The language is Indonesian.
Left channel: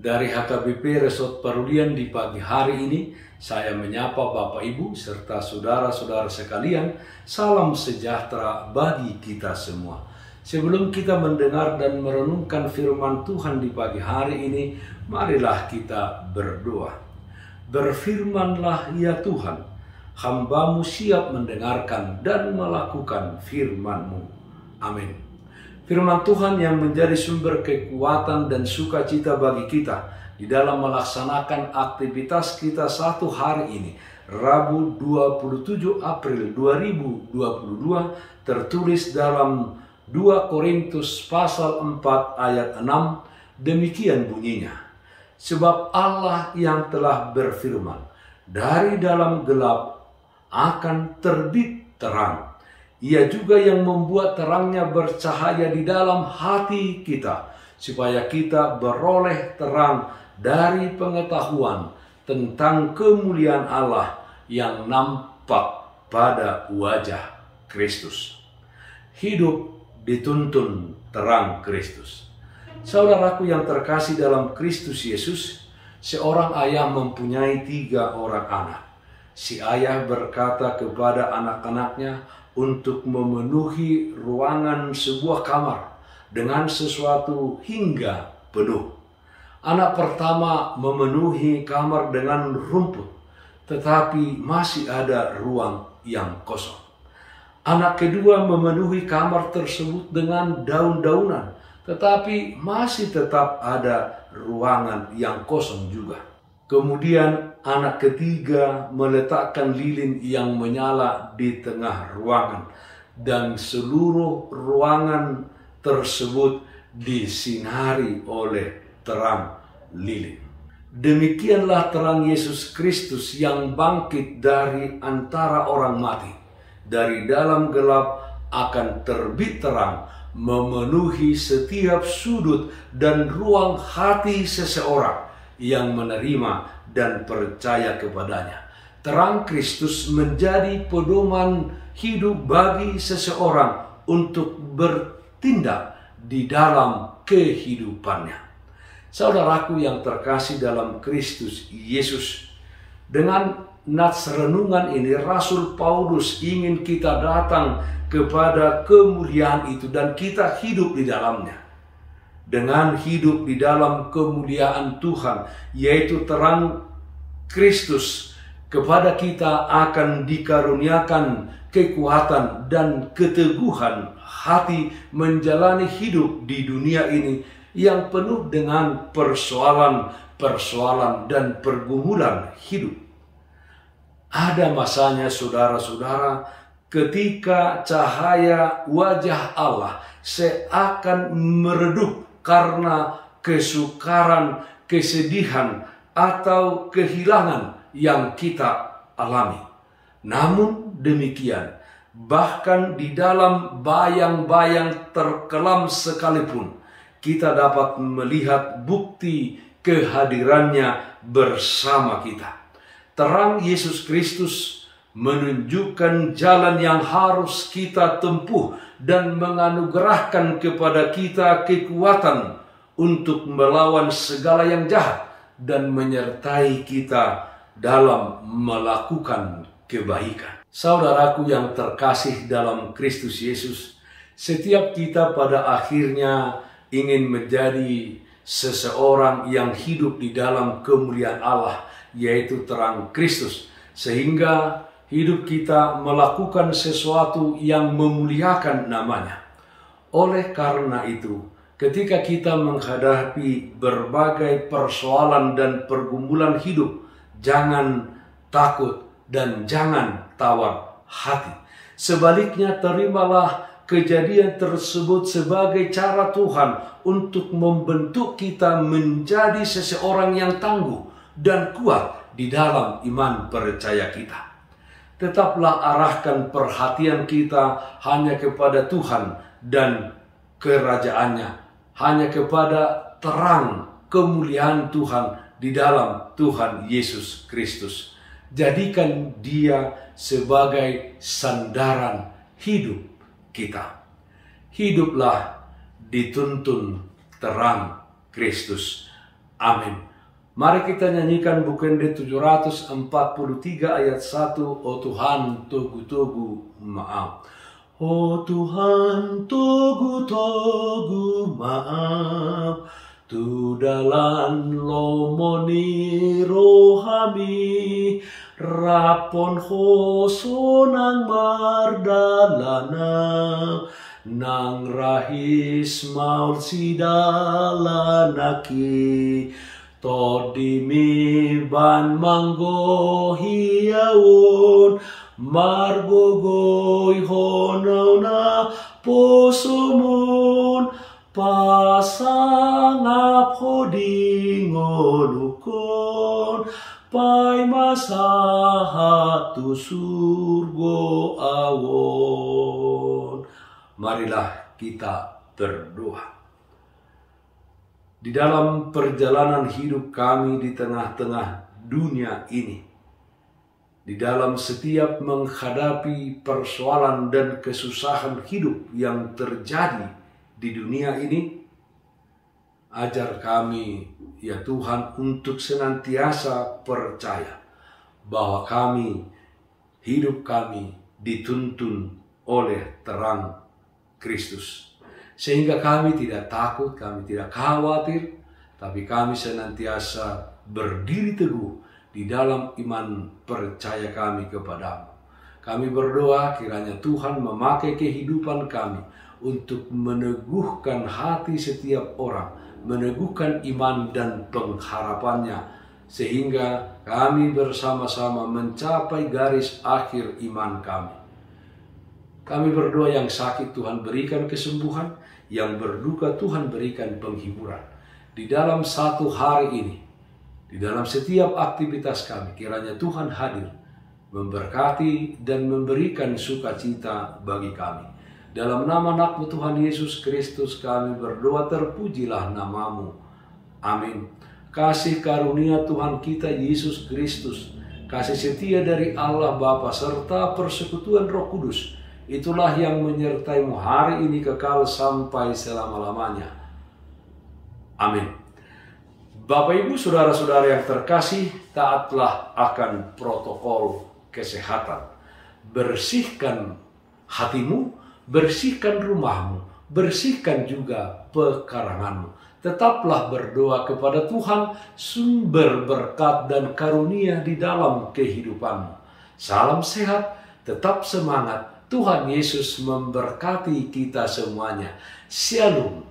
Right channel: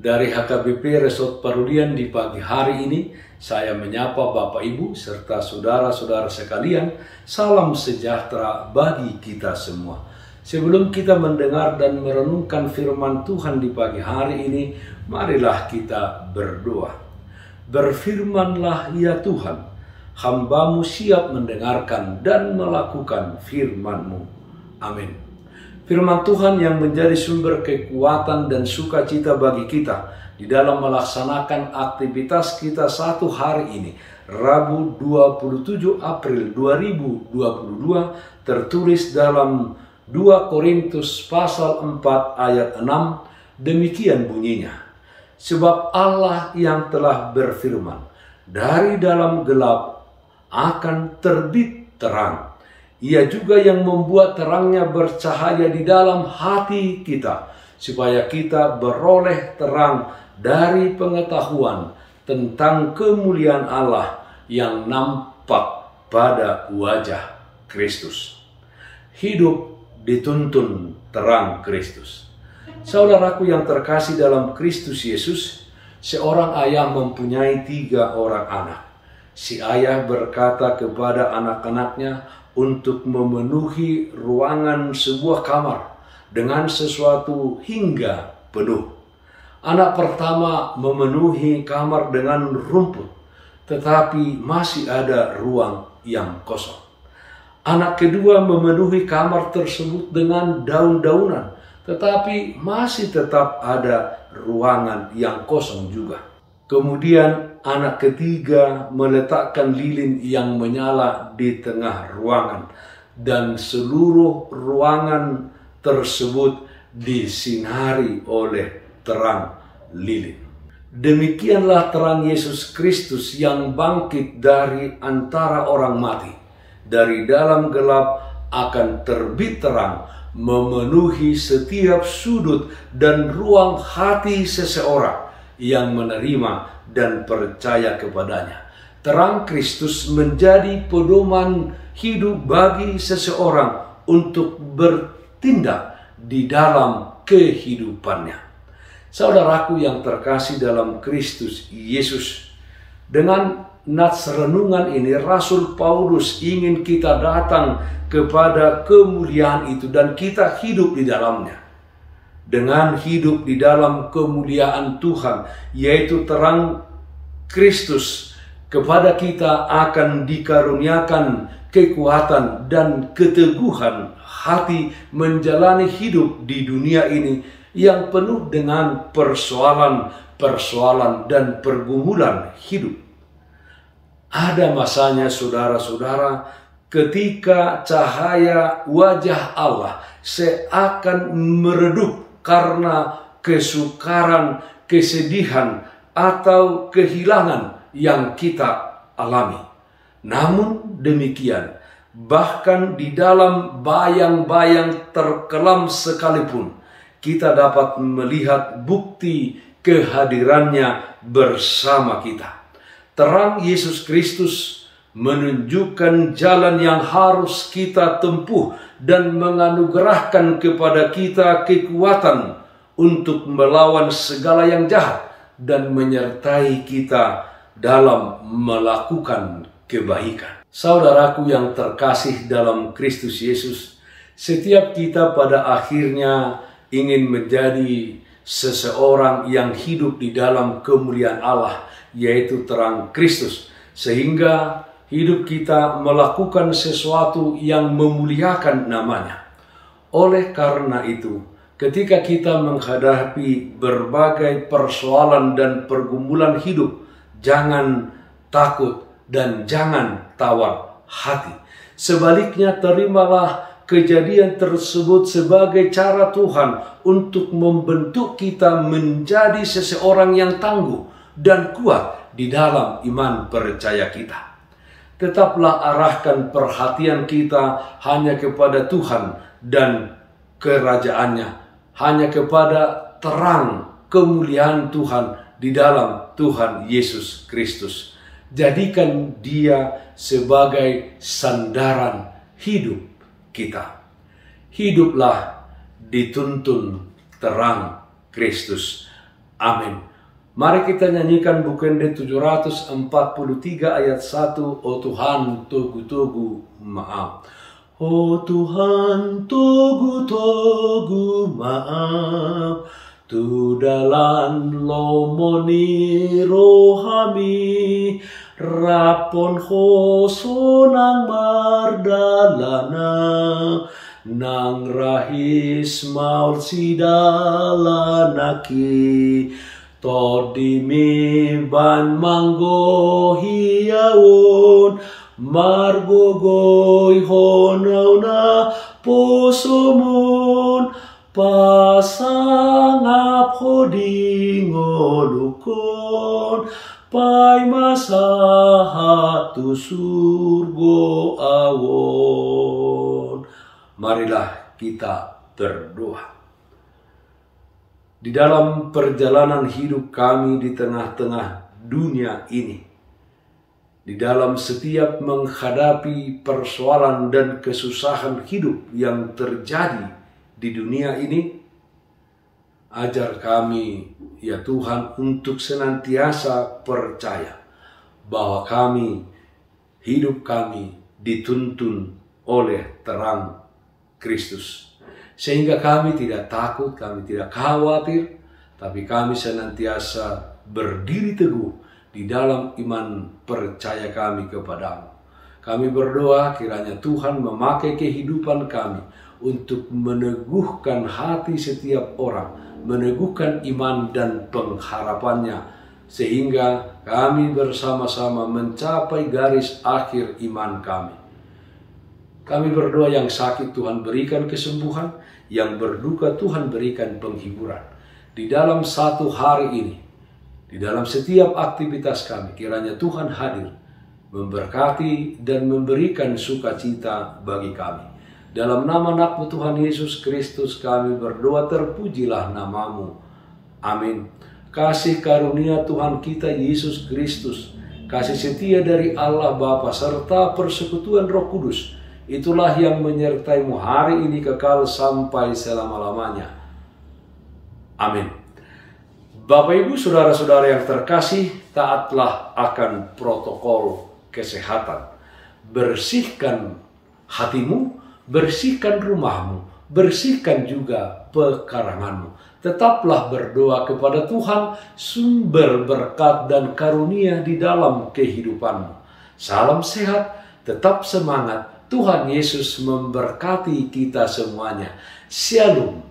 Dari HKBP Resort Parulian di pagi hari ini, saya menyapa Bapak Ibu serta saudara-saudara sekalian, salam sejahtera bagi kita semua. Sebelum kita mendengar dan merenungkan firman Tuhan di pagi hari ini, marilah kita berdoa. Berfirmanlah ya Tuhan, hamba-Mu siap mendengarkan dan melakukan firman-Mu. Amin. Firman Tuhan yang menjadi sumber kekuatan dan sukacita bagi kita di dalam melaksanakan aktivitas kita satu hari ini, Rabu 27 April 2022, tertulis dalam 2 Korintus pasal 4 ayat 6, demikian bunyinya. Sebab Allah yang telah berfirman, dari dalam gelap akan terbit terang. Ia juga yang membuat terangnya bercahaya di dalam hati kita, supaya kita beroleh terang dari pengetahuan tentang kemuliaan Allah yang nampak pada wajah Kristus. Hidup dituntun terang Kristus. Saudaraku yang terkasih dalam Kristus Yesus, seorang ayah mempunyai 3 orang anak. Si ayah berkata kepada anak-anaknya untuk memenuhi ruangan sebuah kamar dengan sesuatu hingga penuh. Anak pertama memenuhi kamar dengan rumput, tetapi masih ada ruang yang kosong. Anak kedua memenuhi kamar tersebut dengan daun-daunan, tetapi masih tetap ada ruangan yang kosong juga. Kemudian anak ketiga meletakkan lilin yang menyala di tengah ruangan, dan seluruh ruangan tersebut disinari oleh terang lilin. Demikianlah terang Yesus Kristus yang bangkit dari antara orang mati. Dari dalam gelap akan terbit terang, memenuhi setiap sudut dan ruang hati seseorang yang menerima dan percaya kepadanya. Terang Kristus menjadi pedoman hidup bagi seseorang untuk bertindak di dalam kehidupannya. Saudaraku yang terkasih dalam Kristus Yesus, dengan nats renungan ini Rasul Paulus ingin kita datang kepada kemuliaan itu dan kita hidup di dalamnya. Dengan hidup di dalam kemuliaan Tuhan, yaitu terang Kristus, kepada kita akan dikaruniakan kekuatan dan keteguhan hati menjalani hidup di dunia ini yang penuh dengan persoalan dan pergumulan hidup. Ada masanya saudara-saudara, ketika cahaya wajah Allah seakan meredup karena kesukaran, kesedihan, atau kehilangan yang kita alami. Namun demikian, bahkan di dalam bayang-bayang terkelam sekalipun, kita dapat melihat bukti kehadirannya bersama kita. Terang Yesus Kristus menunjukkan jalan yang harus kita tempuh dan menganugerahkan kepada kita kekuatan untuk melawan segala yang jahat dan menyertai kita dalam melakukan kebaikan. Saudaraku yang terkasih dalam Kristus Yesus, setiap kita pada akhirnya ingin menjadi seseorang yang hidup di dalam kemuliaan Allah, yaitu terang Kristus, sehingga hidup kita melakukan sesuatu yang memuliakan namanya. Oleh karena itu, ketika kita menghadapi berbagai persoalan dan pergumulan hidup, jangan takut dan jangan tawar hati. Sebaliknya, terimalah kejadian tersebut sebagai cara Tuhan untuk membentuk kita menjadi seseorang yang tangguh dan kuat di dalam iman percaya kita. Tetaplah arahkan perhatian kita hanya kepada Tuhan dan kerajaannya, hanya kepada terang kemuliaan Tuhan di dalam Tuhan Yesus Kristus. Jadikan Dia sebagai sandaran hidup kita. Hiduplah dituntun terang Kristus. Amin. Mari kita nyanyikan Bukende 743 ayat 1. Oh Tuhan, togu-togu maaf. Oh Tuhan, togu-togu maaf. Tu dalan lomoni rohami, rapon hoso nang mardalana, nang rahis maul sidalanaki, todimi ban manggo hiawon, margogoy honauna posomun, pasangap hodingolukon, pai masahatu surgo awon. Marilah kita berdoa. Di dalam perjalanan hidup kami di tengah-tengah dunia ini, di dalam setiap menghadapi persoalan dan kesusahan hidup yang terjadi di dunia ini, ajar kami ya Tuhan untuk senantiasa percaya bahwa hidup kami dituntun oleh terang Kristus. Sehingga kami tidak takut, kami tidak khawatir, tapi kami senantiasa berdiri teguh di dalam iman percaya kami kepadamu. Kami berdoa kiranya Tuhan memakai kehidupan kami untuk meneguhkan hati setiap orang, meneguhkan iman dan pengharapannya, sehingga kami bersama-sama mencapai garis akhir iman kami. Kami berdoa yang sakit Tuhan berikan kesembuhan, yang berduka Tuhan berikan penghiburan. Di dalam satu hari ini, di dalam setiap aktivitas kami, kiranya Tuhan hadir, memberkati dan memberikan sukacita bagi kami. Dalam nama anak-Mu Tuhan Yesus Kristus kami berdoa, terpujilah namamu. Amin. Kasih karunia Tuhan kita Yesus Kristus, kasih setia dari Allah Bapa serta persekutuan Roh Kudus, itulah yang menyertai-Mu hari ini kekal sampai selama-lamanya. Amin. Bapak Ibu saudara-saudara yang terkasih, taatlah akan protokol kesehatan. Bersihkan hatimu, bersihkan rumahmu, bersihkan juga pekaranganmu. Tetaplah berdoa kepada Tuhan, sumber berkat dan karunia di dalam kehidupanmu. Salam sehat, tetap semangat. Tuhan Yesus memberkati kita semuanya. Shalom.